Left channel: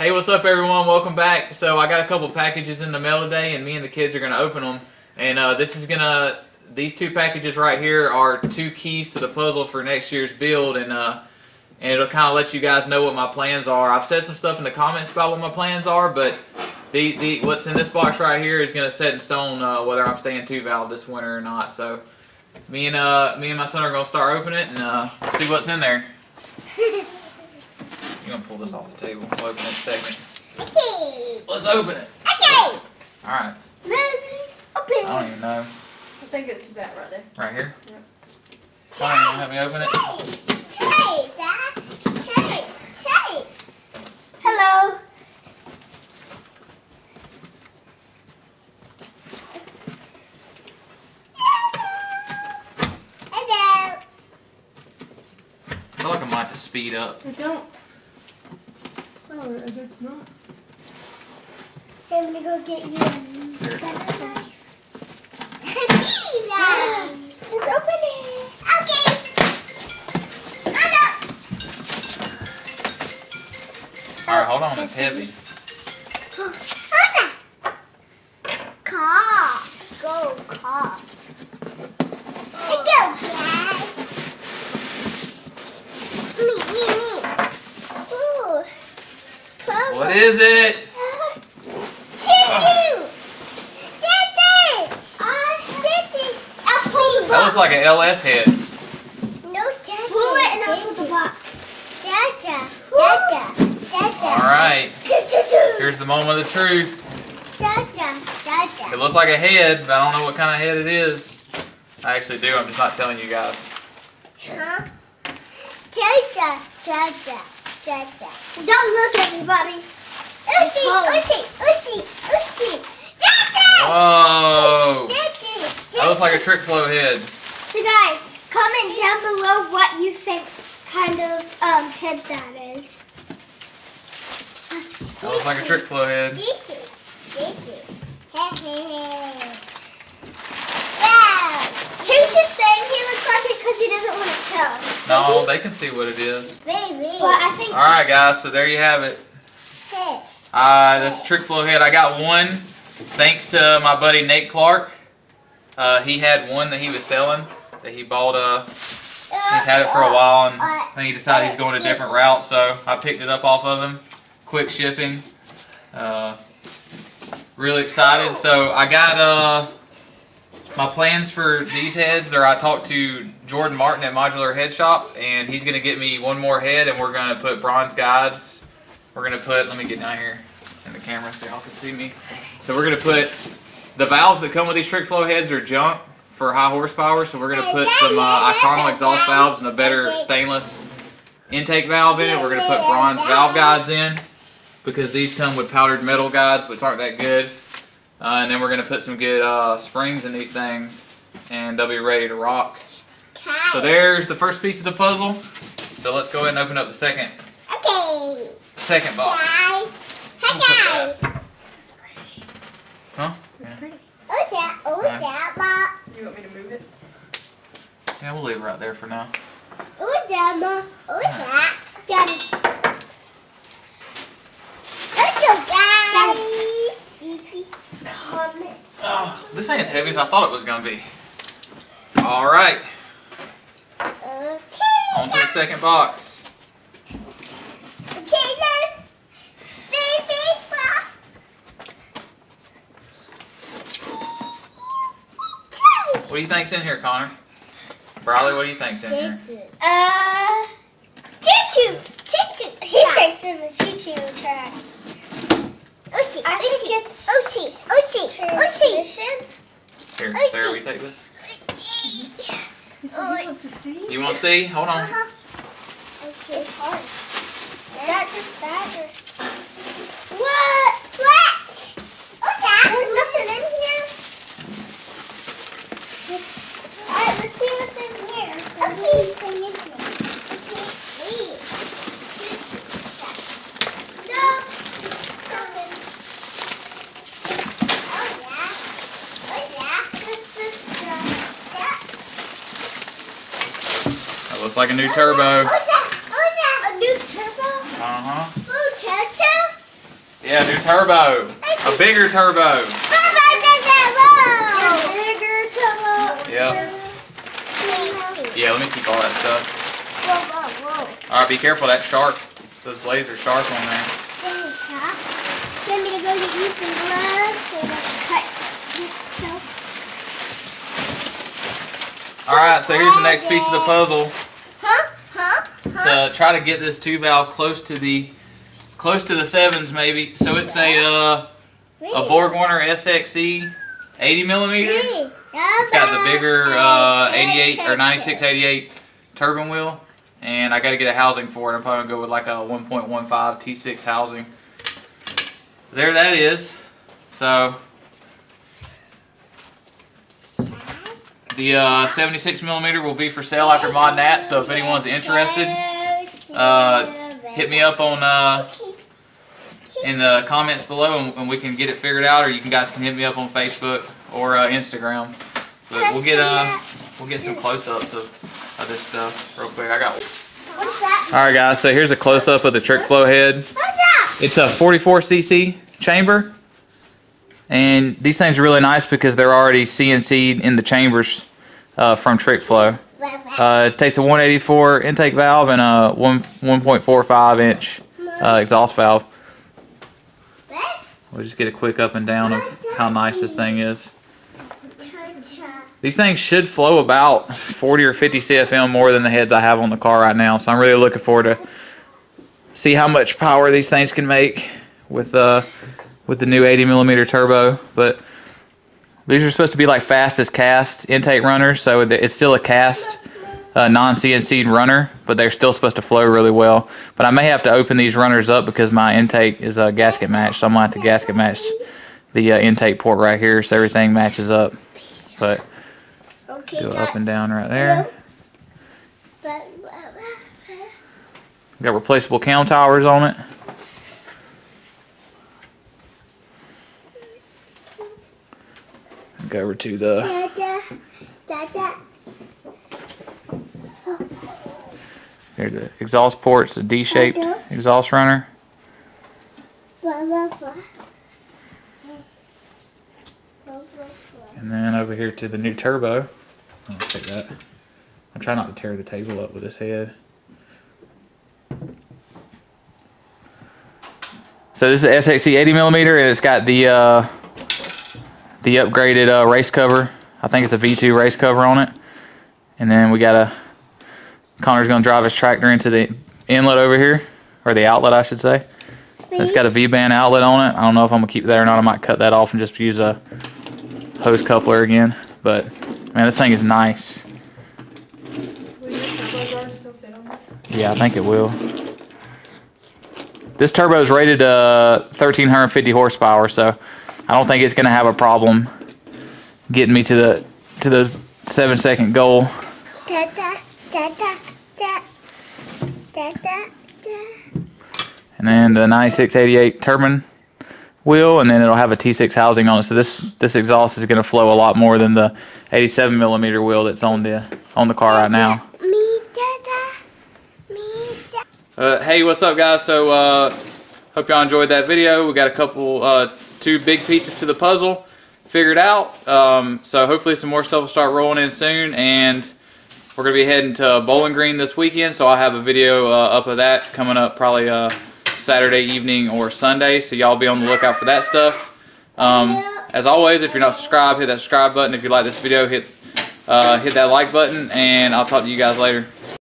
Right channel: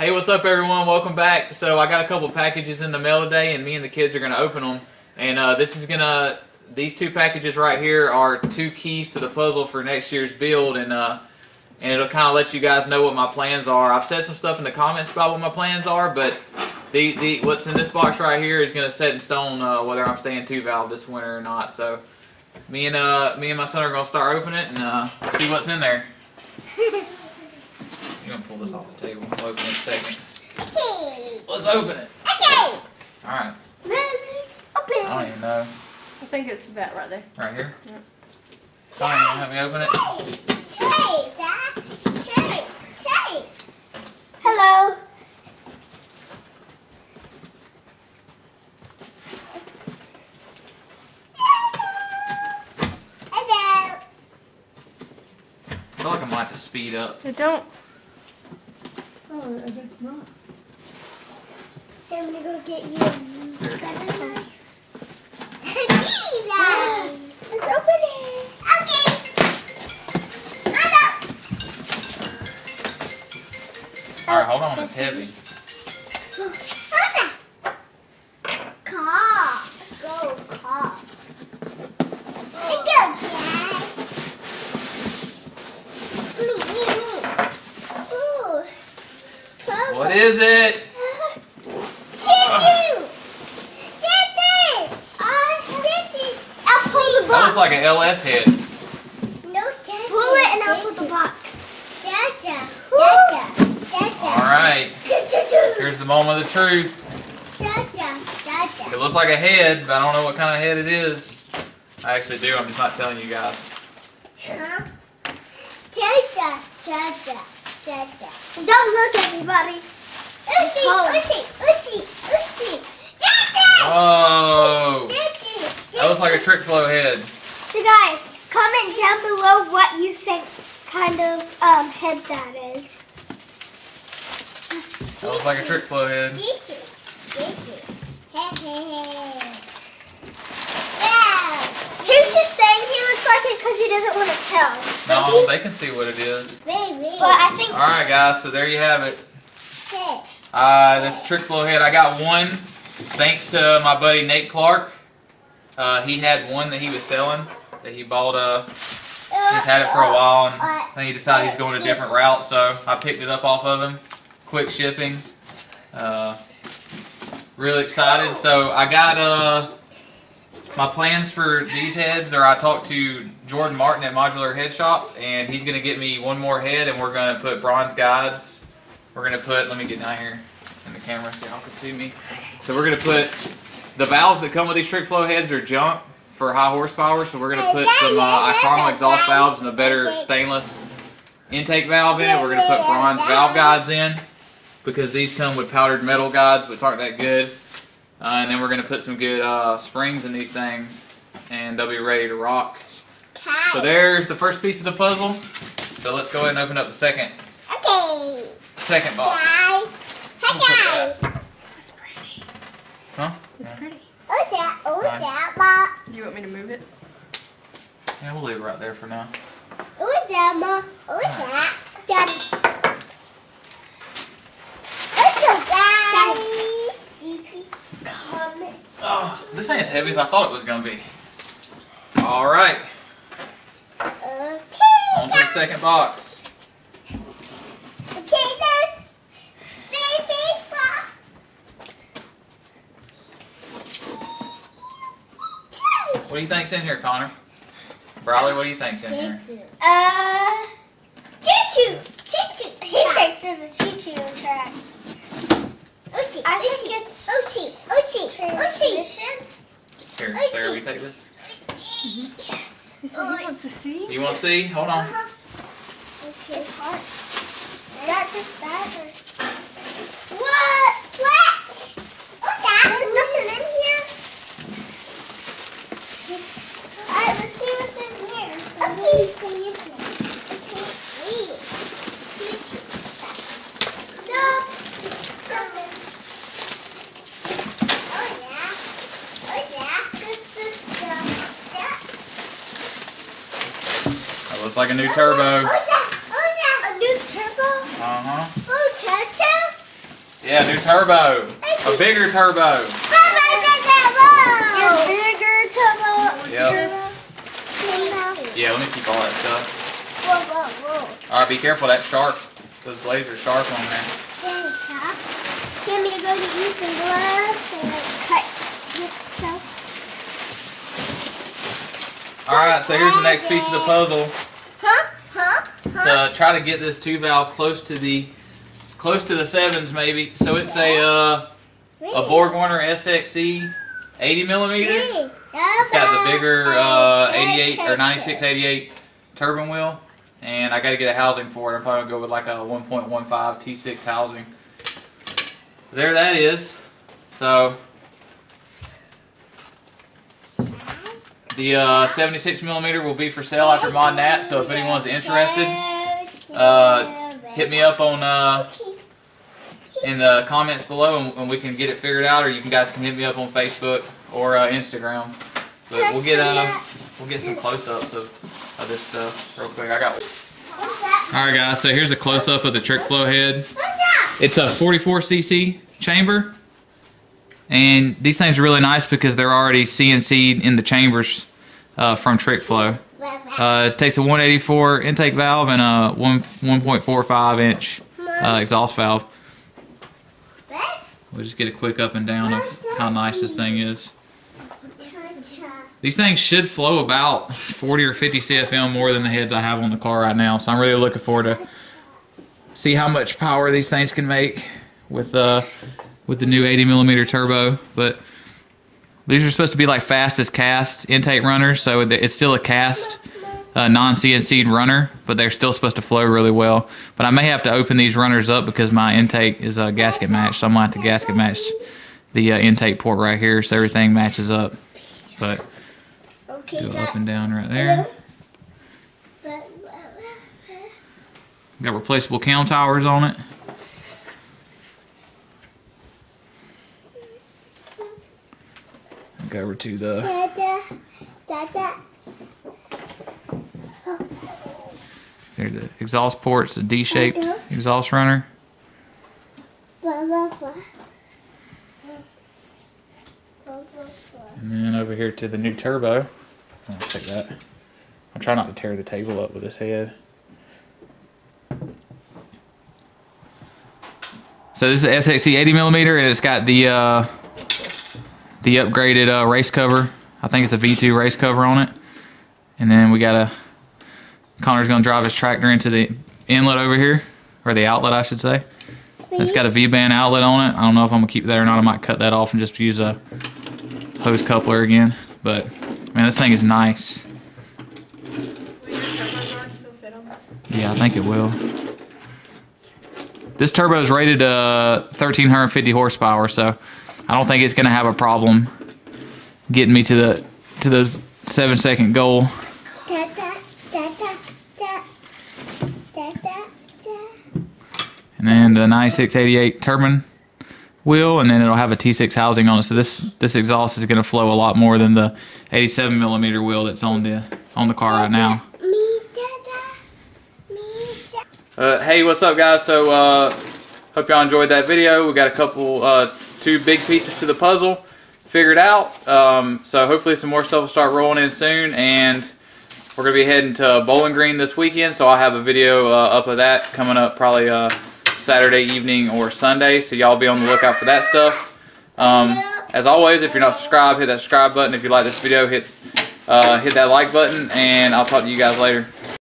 Hey, what's up everyone? Welcome back. So I got a couple packages in the mail today and me and the kids are going to open them. And these two packages right here are 2 keys to the puzzle for next year's build, and it'll kind of let you guys know what my plans are. I've said some stuff in the comments about what my plans are, but what's in this box right here is going to set in stone whether I'm staying 2-valve this winter or not. So me and my son are going to start opening it, and we'll see what's in there. You're going to pull this off the table. We'll open it in a second. Okay. Let's open it. Okay. Alright. Let's open it. I don't even know. I think it's that right there. Right here? Yeah. Fine, you want to help me open it? Tay. Hello. Hello. I feel like I might have to speed up. I don't. Oh, it's not. I'm gonna go get you a There. knife. Let's open it. Okay. Alright, hold on, it's heavy. Car. Go, car. Go, Dad. Me. Ooh. What is it? Choo-choo. That looks like an LS head. No, pull it and I'll pull the box. Dada. Alright. Here's the moment of the truth. It looks like a head, but I don't know what kind of head it is. I actually do, I'm just not telling you guys. Huh? Don't look, everybody. Oopsie. Whoa. That looks like a trick flow head. So guys, comment down below what you think kind of head that is. That looks like a trick flow head. He's just saying he looks like it because he doesn't want to tell. No, they can see what it is. Baby. But I think. Alright guys, so there you have it. Hey. That's a trick flow head. I got one thanks to my buddy Nate Clark. He had one that he was selling that he bought. He's had it for a while, and then he decided he's going a different route, so I picked it up off of him. Quick shipping. Really excited. So I got my plans for these heads. I talked to Jordan Martin at Modular Head Shop, and he's going to get me one more head, and we're going to put bronze guides. We're going to put, let me get down here in the camera so y'all can see me. So we're going to put, the valves that come with these trick flow heads are junk for high horsepower, so we're going to put some Iconal exhaust valves and a better stainless intake valve in it. We're going to put bronze valve guides in because these come with powdered metal guides which aren't that good. And then we're going to put some good springs in these things and they'll be ready to rock. So there's the first piece of the puzzle. So let's go ahead and open up the second box. Hey, That's pretty. Huh? That's pretty. You want me to move it? Yeah, we'll leave it right there for now. Daddy. Oh, this ain't as heavy as I thought it was going to be. Alright, on to the second box. What do you think's in here, Connor? Briley, what do you think's in here? Choo-choo. He thinks there's a choo-choo track. I think it's transmission. Here, Sarah, will you take this? He said he wants to see. You want to see? Hold on. It's hard. Is that just that or? What? There's nothing in here. Alright, let's see what's in here. No. Nothing. Oh yeah. This stuff. That looks like a new turbo. A new turbo? Uh-huh. Oh, turbo? Yeah, new turbo. A bigger turbo. A bigger turbo. Yep. Yeah, let me keep all that stuff. Whoa. Alright, be careful, that sharp. Those blades are sharp on there. Very sharp. You want me to go get you some gloves and cut this stuff? Alright, so here's the next piece of the puzzle. Huh? To try to get this 2-valve close to the sevens maybe. So it's a BorgWarner SXE 80 millimeter. It's got the bigger 88 or 9688 turbine wheel, and I got to get a housing for it. I'm probably gonna go with like a 1.15 T6 housing. There that is. So the 76 millimeter will be for sale after Mod Nat. So if anyone's interested, hit me up on in the comments below, and we can get it figured out, or you guys can hit me up on Facebook or Instagram. But we'll get some close-ups of this stuff real quick. I got. All right, guys. So here's a close-up of the trick flow head. It's a 44cc chamber, and these things are really nice because they're already CNC'd in the chambers from trick flow. It takes a 184 intake valve and a 1.45 inch exhaust valve. We'll just get a quick up and down of how nice this thing is. These things should flow about 40 or 50 CFM more than the heads I have on the car right now, so I'm really looking forward to see how much power these things can make with the new 80 millimeter turbo. But these are supposed to be like fastest cast intake runners, so it's still a cast non-CNC'd runner, but they're still supposed to flow really well. But I may have to open these runners up because my intake is gasket matched, so I'm going to have to gasket match the intake port right here so everything matches up. But go up and down right there. Got replaceable cam towers on it. Go over to the here, the exhaust ports, a D-shaped exhaust runner. And then over here to the new turbo. I'll take that. I'm trying not to tear the table up with this head. So this is the SXE 80 millimeter, and it's got the upgraded race cover. I think it's a V2 race cover on it. And then we got Connor's gonna drive his tractor into the inlet over here, or the outlet, I should say. It's got a V-band outlet on it. I don't know if I'm gonna keep it there or not. I might cut that off and just use a hose coupler again. But man, this thing is nice. Yeah, I think it will. This turbo is rated 1,350 horsepower, so I don't think it's gonna have a problem getting me to the 7-second goal. And then the 9688 turbine wheel, and then it'll have a T6 housing on it. So this exhaust is going to flow a lot more than the 87 millimeter wheel that's on the car right now. Hey, what's up, guys? So hope y'all enjoyed that video. We got a couple 2 big pieces to the puzzle figured out. So hopefully some more stuff will start rolling in soon, and we're going to be heading to Bowling Green this weekend, so I'll have a video up of that coming up probably Saturday evening or Sunday, so y'all be on the lookout for that stuff. As always, if you're not subscribed, hit that subscribe button. If you like this video, hit that like button, and I'll talk to you guys later.